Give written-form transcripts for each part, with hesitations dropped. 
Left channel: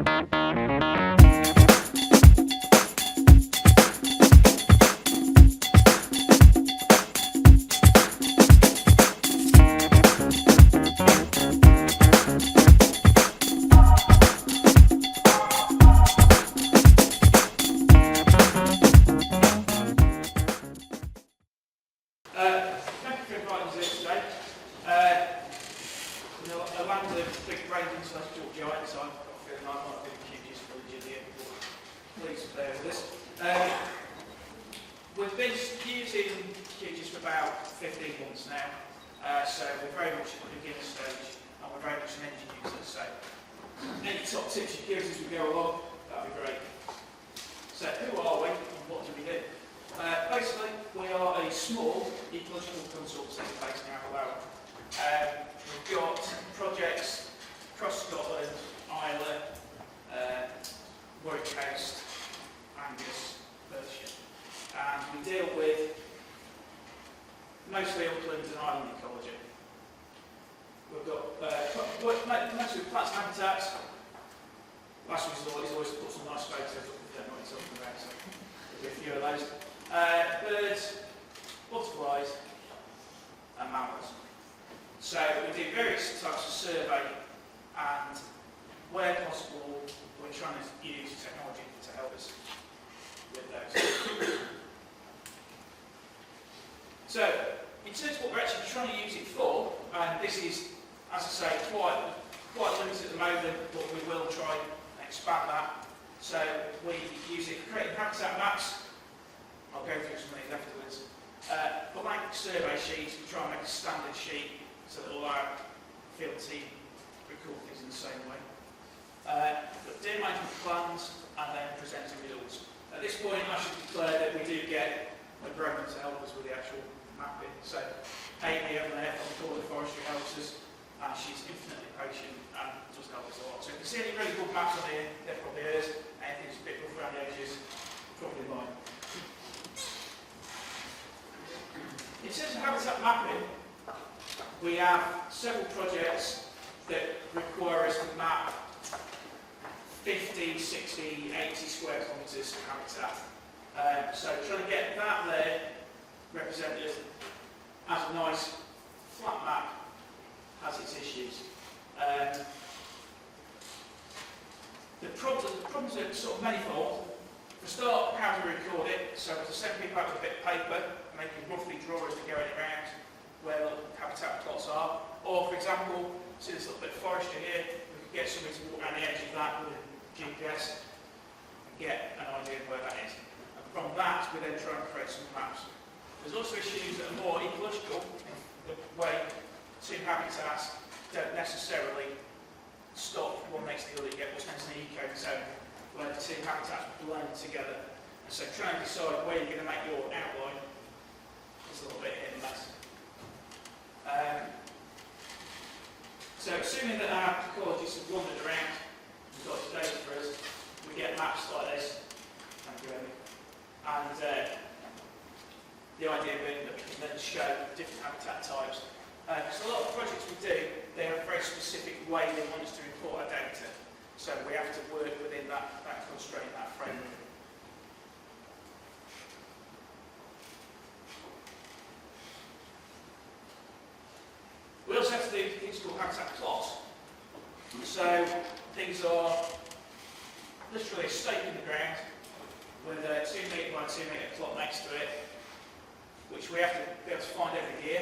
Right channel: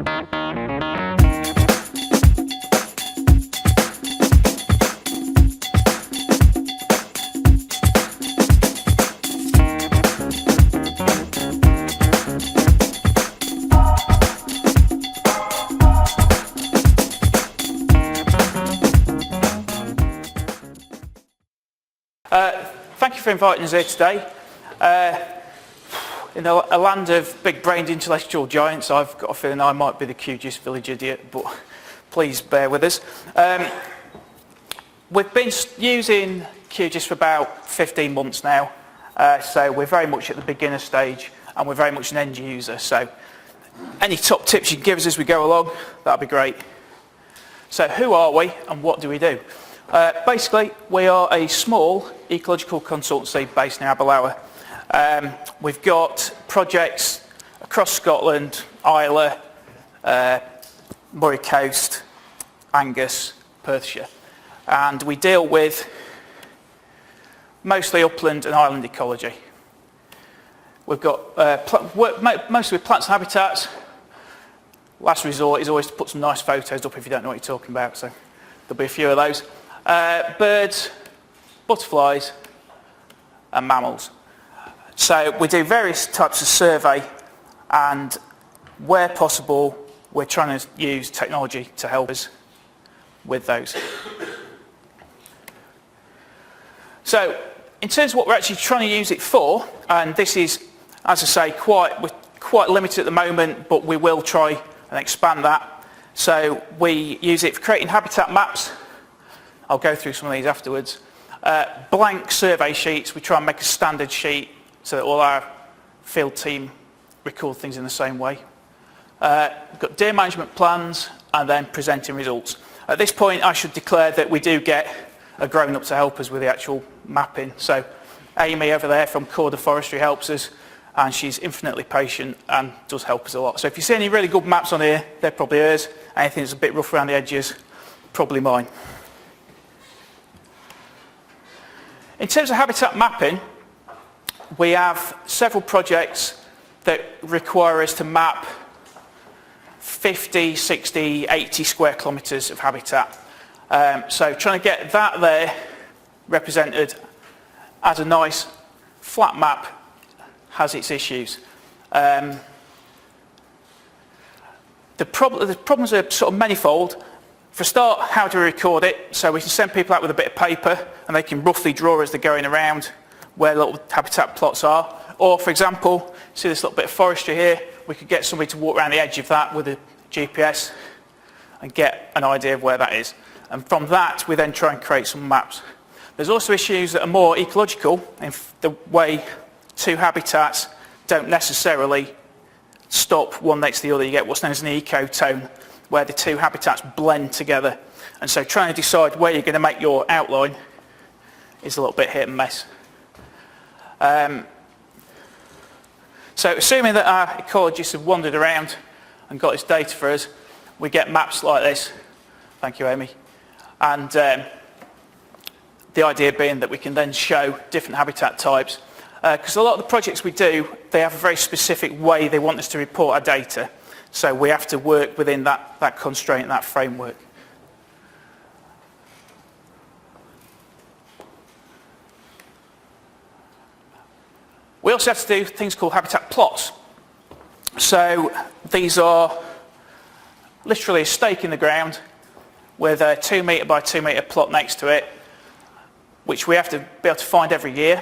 Thank you for inviting us here today. In a land of big-brained intellectual giants, I've got a feeling I might be the QGIS village idiot, but please bear with us. We've been using QGIS for about 15 months now, so we're very much at the beginner stage, and we're very much an end user, so any top tips you can give us as we go along, that'd be great. So who are we and what do we do? Basically, we are a small ecological consultancy based in Aberlour. We've got projects across Scotland, Islay, Moray Coast, Angus, Perthshire, and we deal with mostly upland and island ecology. We've got mostly with plants and habitats. Last resort is always to put some nice photos up if you don't know what you're talking about, so there'll be a few of those. Birds, butterflies and mammals. So we do various types of survey, and where possible we're trying to use technology to help us with those. So in terms of what we're actually trying to use it for, and this is, as I say, we're quite limited at the moment, but we will try and expand that. So we use it for creating habitat maps. I'll go through some of these afterwards. Blank survey sheets, we try and make a standard sheet so that all our field team record things in the same way. We've got data management plans and then presenting results. At this point I should declare that we do get a grown-up to help us with the actual mapping. So Amy over there from Corda Forestry helps us, and she's infinitely patient and does help us a lot. So if you see any really good maps on here, they're probably hers. Anything that's a bit rough around the edges, probably mine. In terms of habitat mapping, we have several projects that require us to map 50, 60, 80 square kilometres of habitat. So trying to get that there represented as a nice flat map has its issues. The problems are sort of manifold. For a start, how do we record it? So we can send people out with a bit of paper and they can roughly draw as they're going around where little habitat plots are. Or for example, see this little bit of forestry here, we could get somebody to walk around the edge of that with a GPS and get an idea of where that is. And from that, we then try and create some maps. There's also issues that are more ecological in the way two habitats don't necessarily stop one next to the other. You get what's known as an ecotone, where the two habitats blend together. And so trying to decide where you're going to make your outline is a little bit hit and miss. So assuming that our ecologists have wandered around and got this data for us, we get maps like this. Thank you, Amy. And the idea being that we can then show different habitat types. Because a lot of the projects we do, they have a very specific way they want us to report our data. So we have to work within that constraint, that framework. We also have to do things called habitat plots. So these are literally a stake in the ground with a 2 metre by 2 metre plot next to it, which we have to be able to find every year.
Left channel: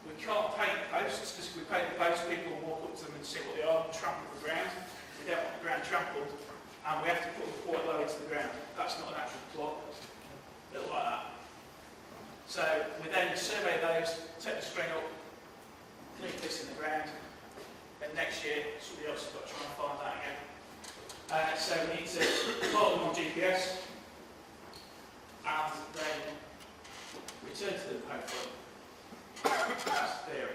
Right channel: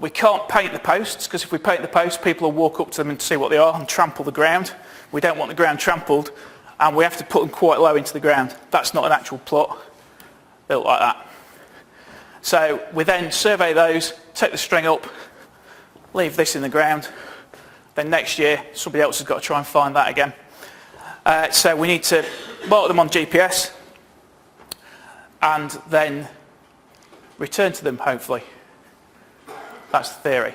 We can't paint the posts, because if we paint the posts, people will walk up to them and see what they are and trample the ground. We don't want the ground trampled, and we have to put them quite low into the ground. That's not an actual plot built like that. So we then survey those, take the string up, leave this in the ground. Then next year, somebody else has got to try and find that again. So we need to mark them on GPS and then return to them, hopefully. That's the theory.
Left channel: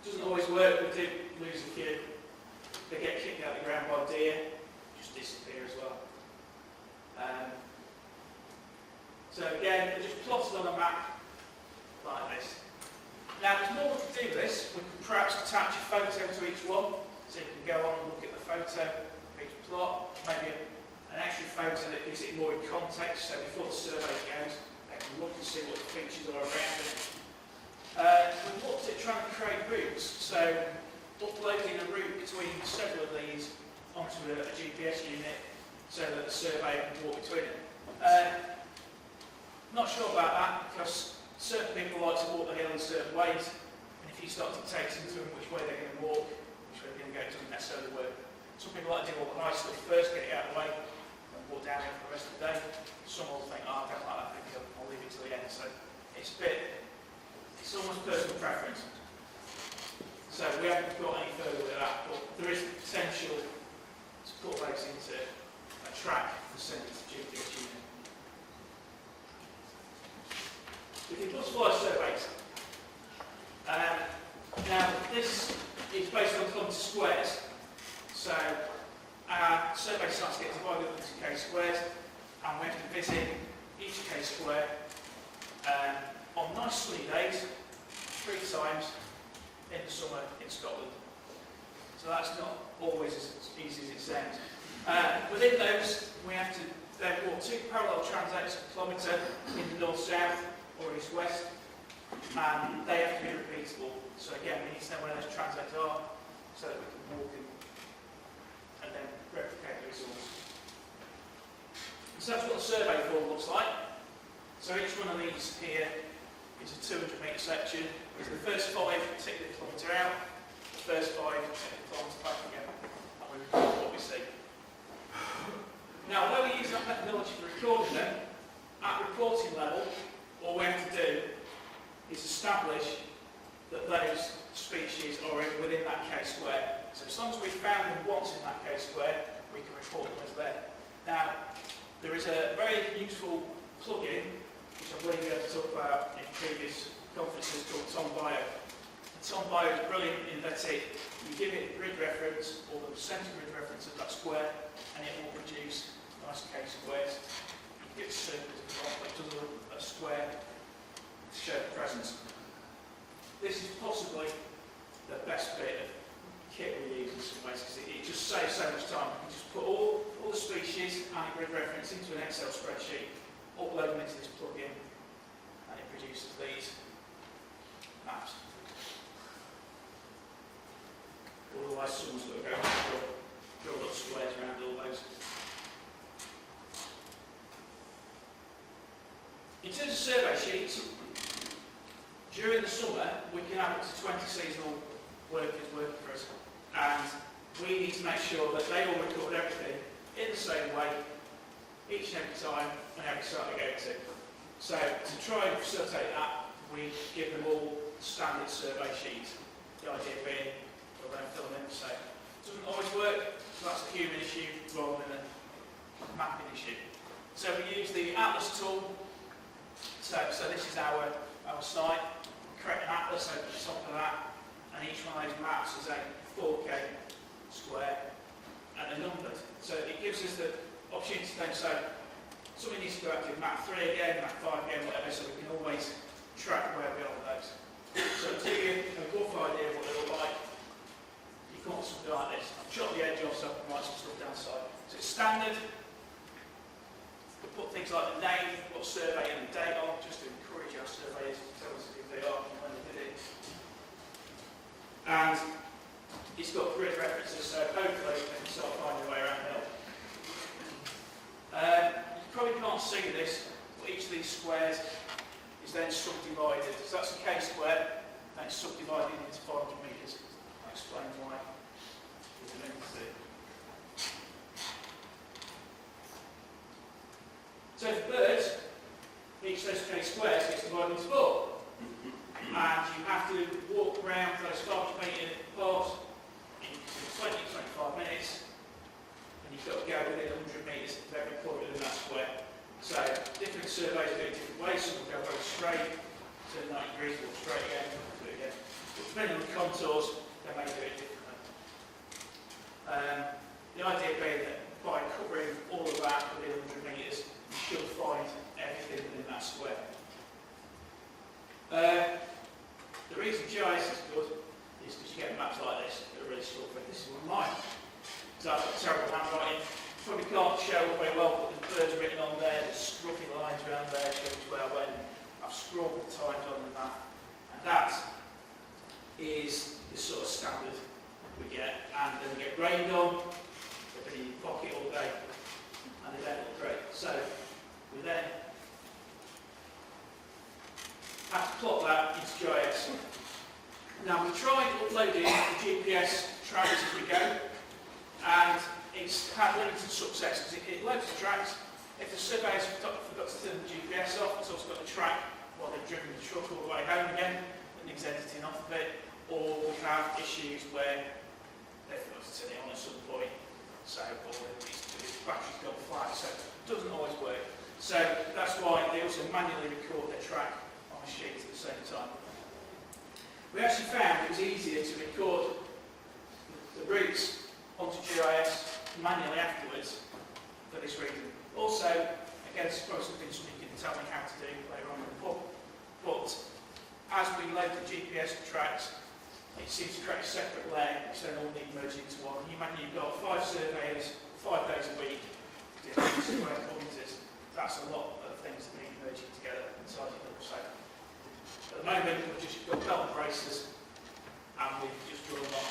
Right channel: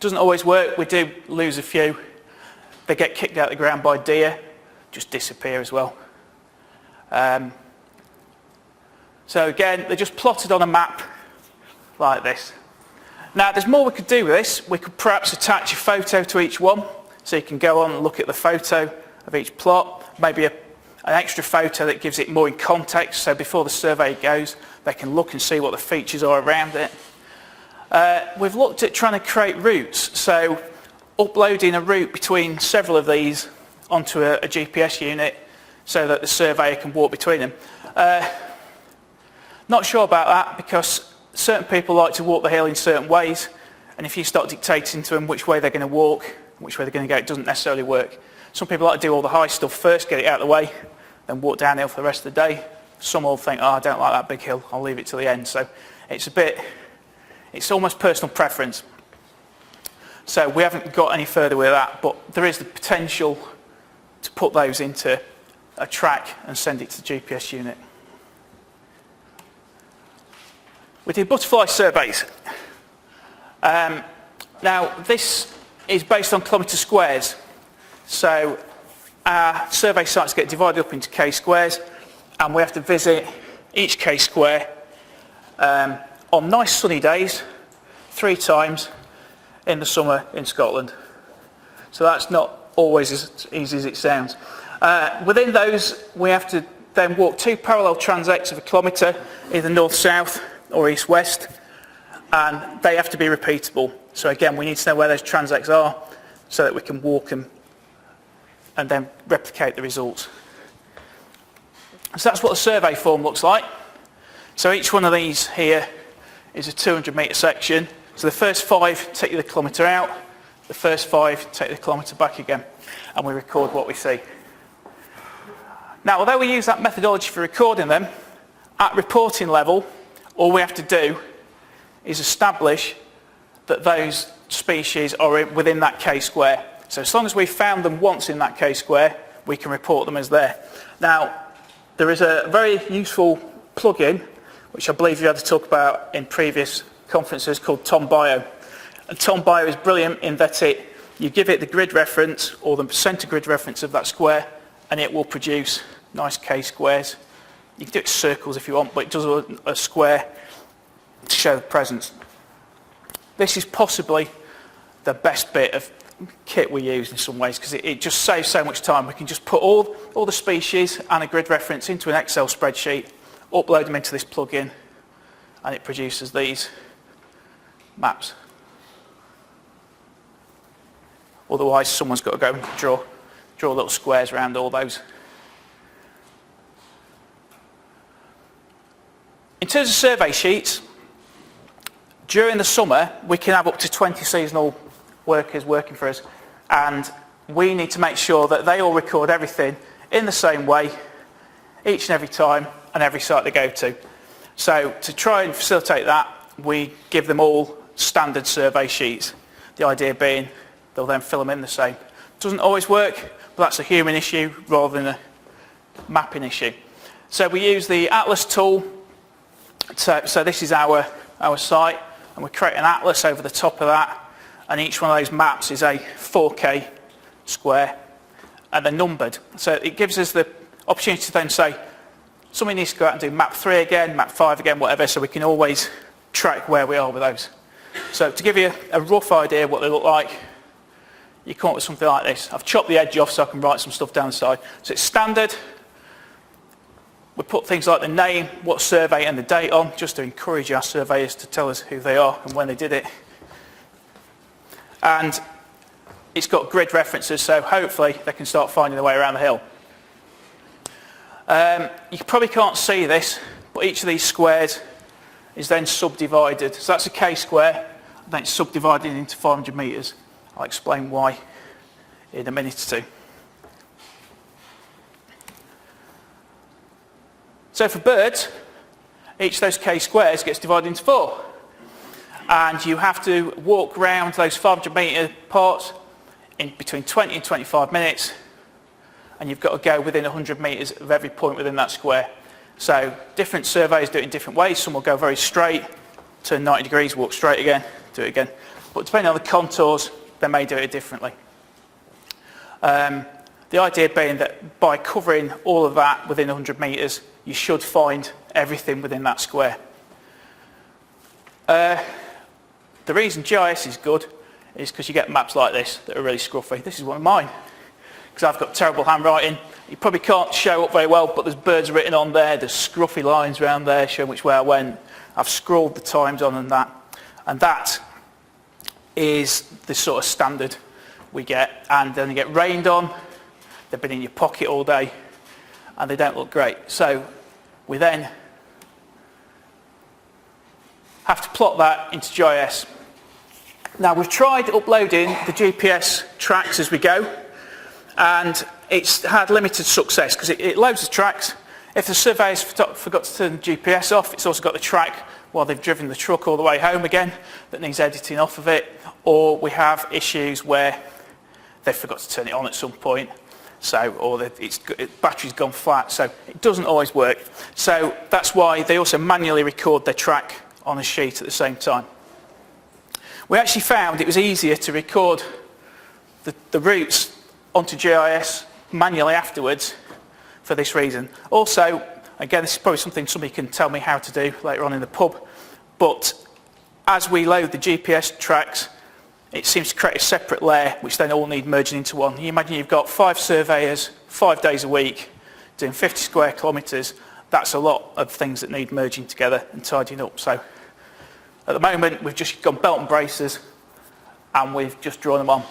Doesn't always work. We do lose a few. They get kicked out of the ground by deer, just disappear as well. So again, they're just plotted on a map like this. Now, there's more we could do with this. We could perhaps attach a photo to each one, so you can go on and look at the photo of each plot, maybe an extra photo that gives it more in context, so before the survey goes, they can look and see what the features are around it. We've looked at trying to create routes, so uploading a route between several of these onto a GPS unit so that the surveyor can walk between them. Not sure about that, because certain people like to walk the hill in certain ways, and if you start dictating to them which way they're going to walk, which way they're going to go, it doesn't necessarily work. Some people like to do all the high stuff first, get it out of the way, then walk downhill for the rest of the day. Some will think, oh, I don't like that big hill, I'll leave it till the end. So it's almost personal preference. So we haven't got any further with that, but there is the potential to put those into a track and send it to the GPS unit. We do butterfly surveys. Now this is based on kilometre squares. So our survey sites get divided up into K-squares, and we have to visit each K-square on nice sunny days 3 times in the summer in Scotland. So that's not always as easy as it sounds. Within those, we have to then walk 2 parallel transects of a kilometre, either north-south or east-west, and they have to be repeatable. So again, we need to know where those transects are so that we can walk them and then replicate the results. So that's what the survey form looks like. So each one of these here is a 200-metre section. So the first 5 take you the kilometre out, the first 5 take the kilometre back again, and we record what we see. Now, although we use that methodology for recording them, at reporting level, all we have to do is establish that those species are within that K-square. So as long as we've found them once in that K-square, we can report them as there. Now, there is a very useful plugin, which I believe you had to talk about in previous conferences, called TomBio. And TomBio is brilliant in that you give it the grid reference or the centre grid reference of that square, and it will produce nice K-squares. You can do it circles if you want, but it does a square to show presence. This is possibly the best bit of kit we use in some ways, because it just saves so much time. We can just put all the species and a grid reference into an Excel spreadsheet, upload them into this plugin, and it produces these maps. Otherwise, someone's got to go and draw little squares around all those. In terms of survey sheets, during the summer, we can have up to 20 seasonal workers working for us, and we need to make sure that they all record everything in the same way each and every time and every site they go to. So to try and facilitate that, we give them all standard survey sheets. The idea being they'll then fill them in the same. Doesn't always work, but that's a human issue rather than a mapping issue. So we use the Atlas tool. So this is our site, and we create an atlas over the top of that, and each one of those maps is a 4K square, and they're numbered. So it gives us the opportunity to then say, somebody needs to go out and do map 3 again, map 5 again, whatever, so we can always track where we are with those. So to give you a rough idea of what they look like, you come up with something like this. I've chopped the edge off so I can write some stuff down the side. So it's standard. We put things like the name, what survey and the date on, just to encourage our surveyors to tell us who they are and when they did it. And it's got grid references, so hopefully they can start finding their way around the hill. You probably can't see this, but each of these squares is then subdivided. So that's a K-square, and then it's subdivided into 500 metres. I'll explain why in a minute or two. So for birds, each of those K-squares gets divided into 4. And you have to walk around those 500 metre parts in between 20 and 25 minutes, and you've got to go within 100 metres of every point within that square. So different surveys do it in different ways. Some will go very straight, turn 90 degrees, walk straight again, do it again. But depending on the contours, they may do it differently. The idea being that by covering all of that within 100 metres, you should find everything within that square. The reason GIS is good is because you get maps like this that are really scruffy. This is one of mine. because I've got terrible handwriting. You probably can't show up very well, but there's birds written on there, there's scruffy lines around there showing which way I went. I've scrawled the times on and that is the sort of standard we get. And then they get rained on, they've been in your pocket all day, and they don't look great. So we then have to plot that into GIS. Now we've tried uploading the GPS tracks as we go, and it's had limited success because it loads the tracks. If the surveyor's forgot to turn the GPS off, it's also got the track while they've driven the truck all the way home again that needs editing off of it, or we have issues where they forgot to turn it on at some point, or its battery's gone flat, so it doesn't always work. So that's why they also manually record their track on a sheet at the same time. We actually found it was easier to record the routes onto GIS manually afterwards for this reason. Also, again, this is probably something somebody can tell me how to do later on in the pub, but as we load the GPS tracks, it seems to create a separate layer which then all need merging into one. You imagine you've got 5 surveyors, 5 days a week, doing 50 square kilometres. That's a lot of things that need merging together and tidying up. So at the moment, we've just got belt and braces, and we've just drawn them on.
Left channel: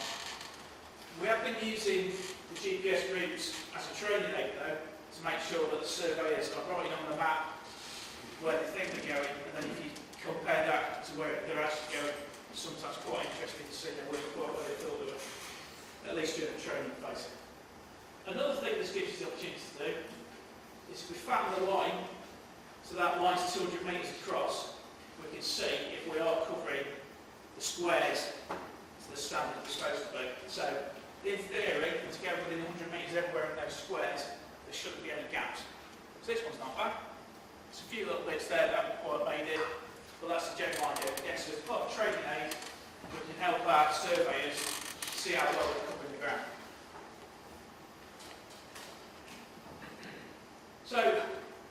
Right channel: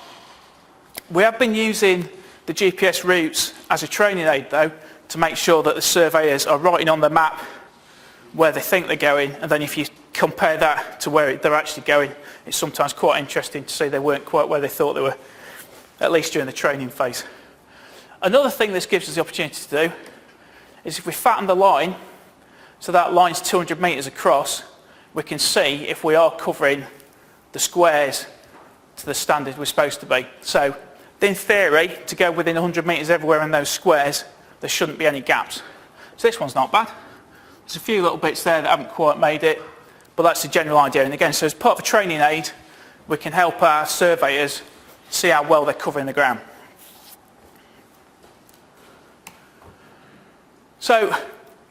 We have been using the GPS routes as a training aid, though, to make sure that the surveyors are writing on the map where they think they're going, and then if you compare that to where they're actually going, it's sometimes quite interesting to see they weren't quite where they thought they were, at least during the training phase. Another thing this gives us the opportunity to do is if we fatten the line, so that line's 200 metres across, we can see if we are covering the squares to the standard we're supposed to be. So in theory, to go within 100 metres everywhere in those squares, there shouldn't be any gaps. So this one's not bad. There's a few little bits there that haven't quite made it, but that's the general idea. And again, so as part of a training aid, we can help our surveyors see how well they're covering the ground. So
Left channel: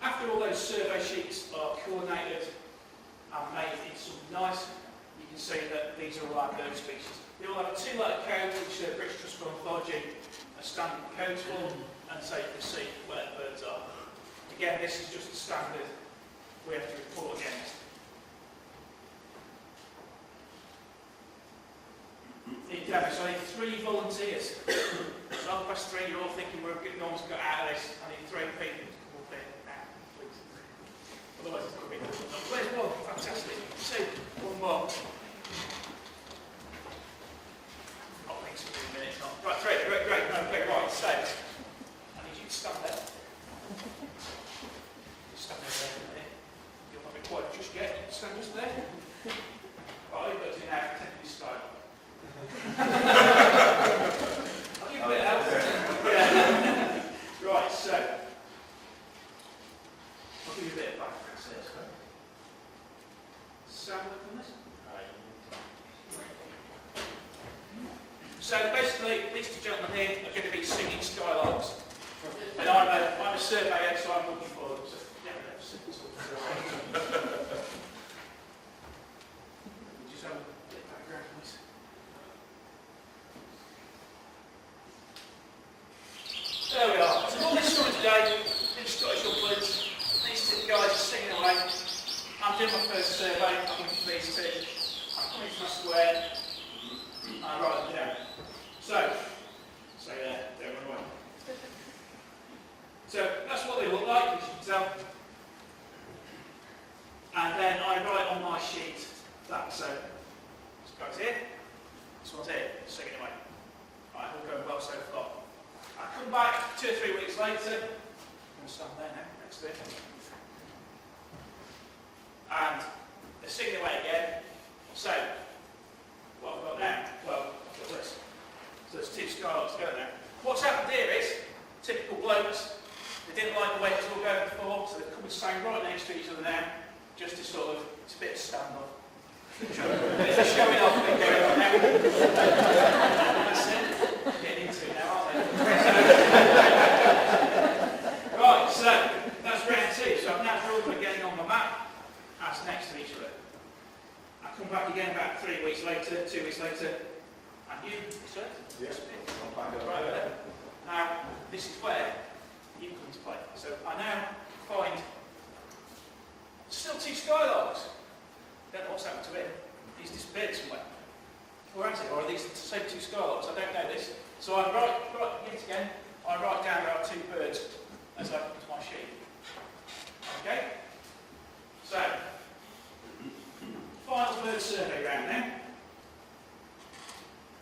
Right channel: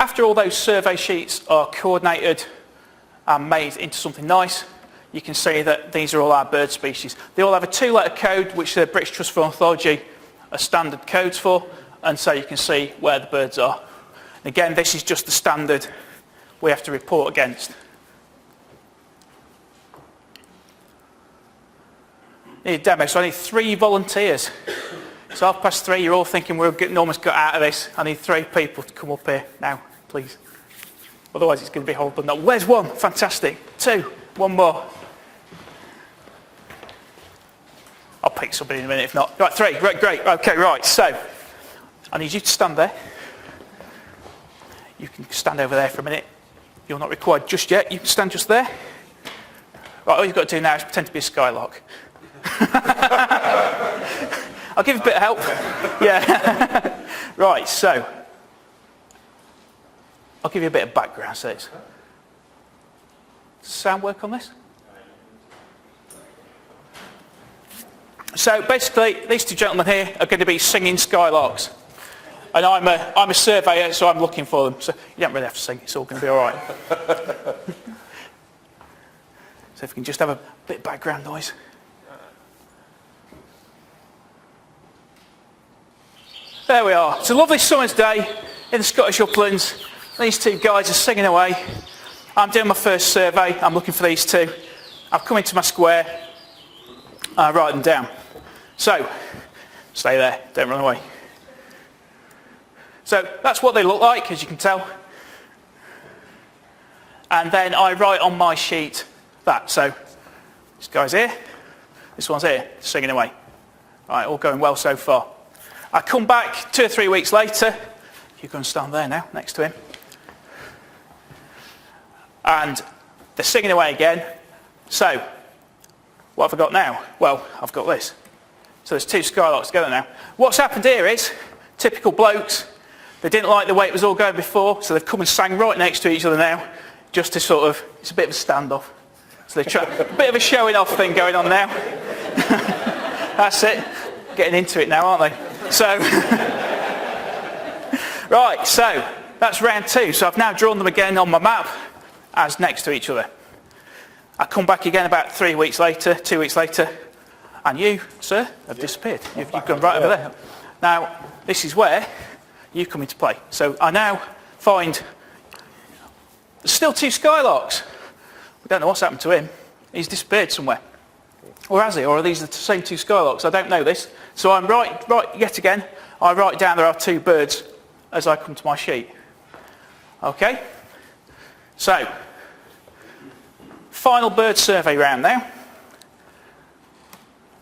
after all those survey sheets are coordinated and made into something nice, you can see that these are all our bird species. They all have a 2-letter code, which the British Trust for Ornithology are standard codes for, and so you can see where the birds are. Again, this is just the standard we have to report against. Need a demo, so I need 3 volunteers. It's 3:30, you're all thinking we're getting almost got out of this. I need 3 people to come up here now, please. Otherwise it's going to be horrible. No, where's 1? Fantastic. 2, 1 more. I'll pick somebody in a minute if not. Right, 3, great. Okay, right, so I need you to stand there. You can stand over there for a minute. You're not required just yet. You can stand just there. Right, all you've got to do now is pretend to be a Skylock. I'll give you a bit of help. Yeah. Right, so I'll give you a bit of background. So it's sound work on this? So basically, these 2 gentlemen here are going to be singing Skylocks. And I'm a surveyor, so I'm looking for them. So you don't really have to sing, it's all going to be all right. So if we can just have a bit of background noise. There we are. It's a lovely summer's day in the Scottish uplands. These 2 guys are singing away. I'm doing my first survey. I'm looking for these 2. I've come into my square. I write them down. So, stay there. Don't run away. So that's what they look like, as you can tell. And then I write on my sheet that. So this guy's here. This one's here, singing away. All right, all going well so far. I come back 2 or 3 weeks later. You can stand there now, next to him. And they're singing away again. So, what have I got now? Well, I've got this. So there's 2 Skylocks together now. What's happened here is, typical blokes, they didn't like the way it was all going before, so they've come and sang right next to each other now, just to sort of, it's a bit of a standoff. So they're a bit of a showing off thing going on now. That's it. Getting into it now, aren't they? So, right, so that's round 2. So I've now drawn them again on my map as next to each other. I come back again about 3 weeks later, 2 weeks later, and you, sir, have disappeared. You've gone right over there. Now, this is where you come into play. So I now find there's still 2 Skylocks. We don't know what's happened to him. He's disappeared somewhere. Or has he? Or are these the same 2 Skylocks? I don't know this. So I'm right yet again, I write down there are 2 birds as I come to my sheet. Okay? So, final bird survey round now.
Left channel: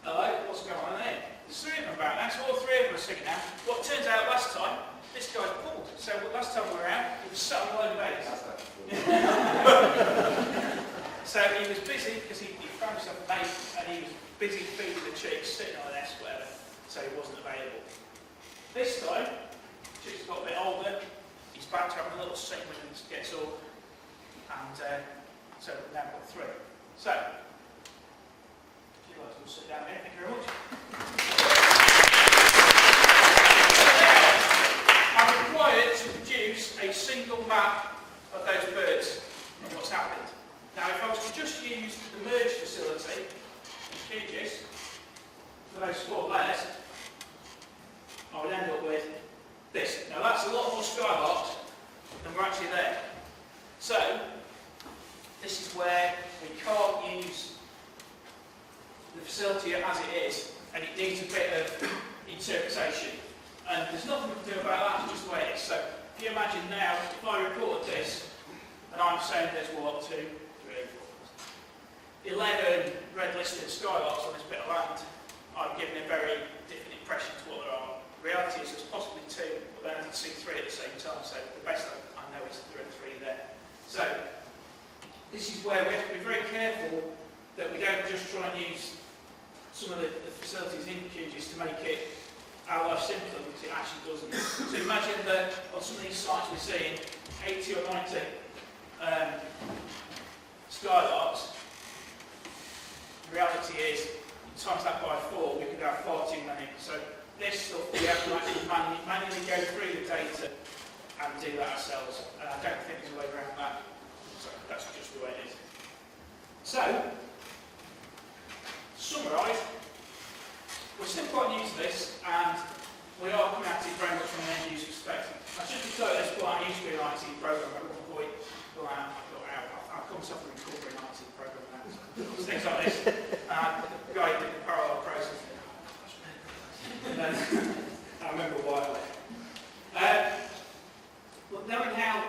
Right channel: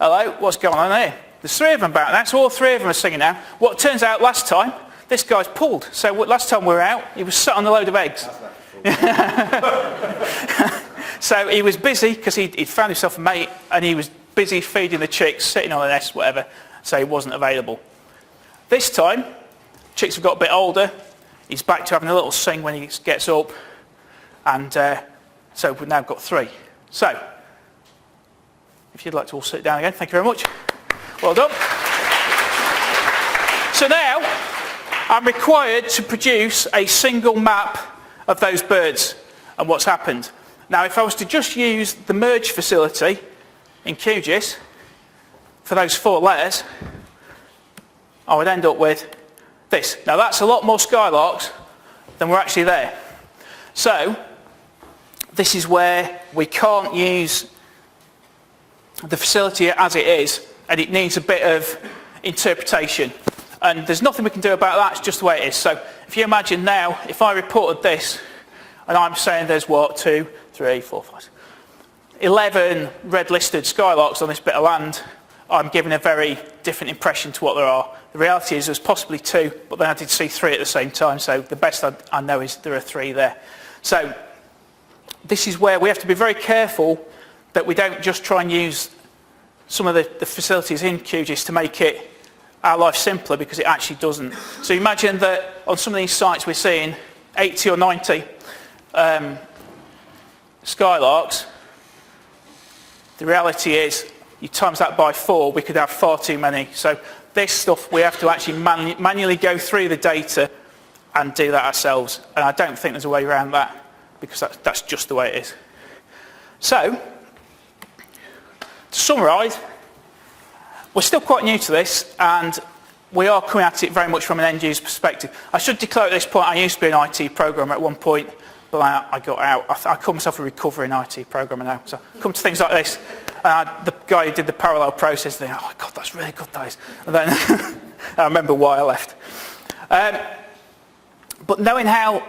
Hello, what's going on here? There's 3 of them back now, so all 3 of them are singing now. What turns out last time, this guy's pulled. So last time we were out, he was sat on a load of eggs. So he was busy because he'd found himself a mate and he was busy feeding the chicks, sitting on a nest, whatever, so he wasn't available. This time, chicks have got a bit older, he's back to having a little sing when he gets up, and so we've now got 3. So, if you'd like to all sit down again, thank you very much. Well done. So now, I'm required to produce a single map of those birds and what's happened. Now, if I was to just use the merge facility in QGIS for those 4 letters, I would end up with this. Now, that's a lot more Skylocks than were actually there. So, this is where we can't use the facility as it is, and it needs a bit of interpretation. And there's nothing we can do about that, it's just the way it is. So, if you imagine now, if I reported this, and I'm saying there's what, 2, 3, 4, 5, 11 red-listed Skylocks on this bit of land, I'm giving a very different impression to what there are. The reality is there's possibly 2, but then I did see 3 at the same time, so the best I know is there are 3 there. So this is where we have to be very careful that we don't just try and use some of the facilities in QGIS to make our life simpler, because it actually doesn't. So imagine that on some of these sites we're seeing 80 or 90 Skylarks. The reality is, you times that by 4, we could have far too many. So this stuff, we have to actually manually go through the data and do that ourselves. And I don't think there's a way around that, because that's just the way it is. So, to summarise, we're still quite new to this, and we are coming at it very much from an end user perspective. I should declare at this point, I used to be an IT programmer at one point, but I got out. I call myself a recovering IT programmer now. So I come to things like this. The guy who did the parallel process, they go, oh God, that's really good, that is. And then I remember why I left. But knowing how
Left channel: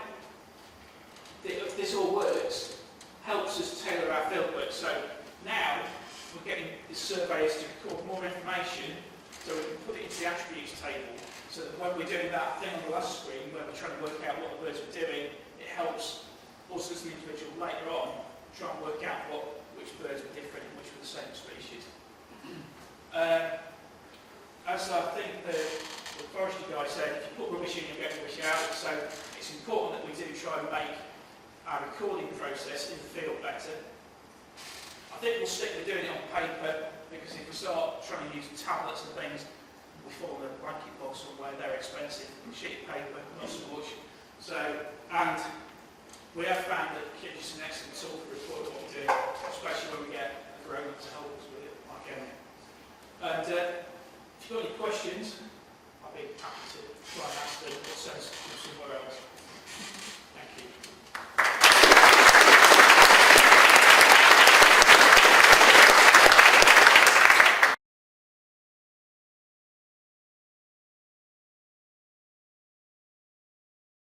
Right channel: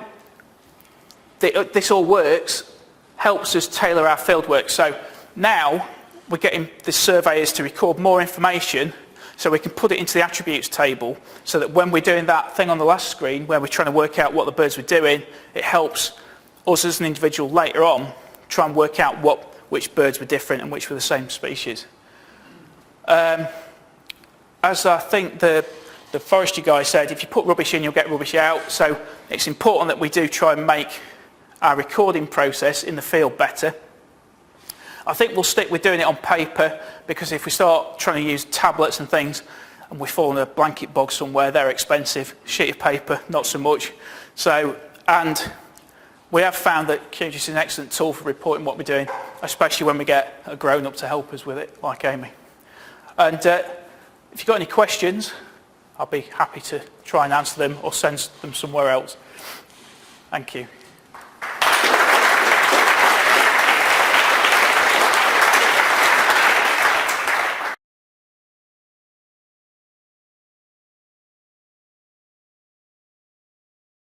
this all works helps us tailor our field work. So now we're getting the surveyors to record more information so we can put it into the attributes table, so that when we're doing that thing on the last screen where we're trying to work out what the birds were doing, it helps us as an individual later on try and work out which birds were different and which were the same species. As I think the forestry guy said, if you put rubbish in, you'll get rubbish out. So it's important that we do try and make our recording process in the field better. I think we'll stick with doing it on paper, because if we start trying to use tablets and things and we fall in a blanket bog somewhere, they're expensive. Sheet of paper, not so much. So, and we have found that QGIS is an excellent tool for reporting what we're doing, especially when we get a grown-up to help us with it, like Amy. And if you've got any questions, I'll be happy to try and answer them or send them somewhere else. Thank you.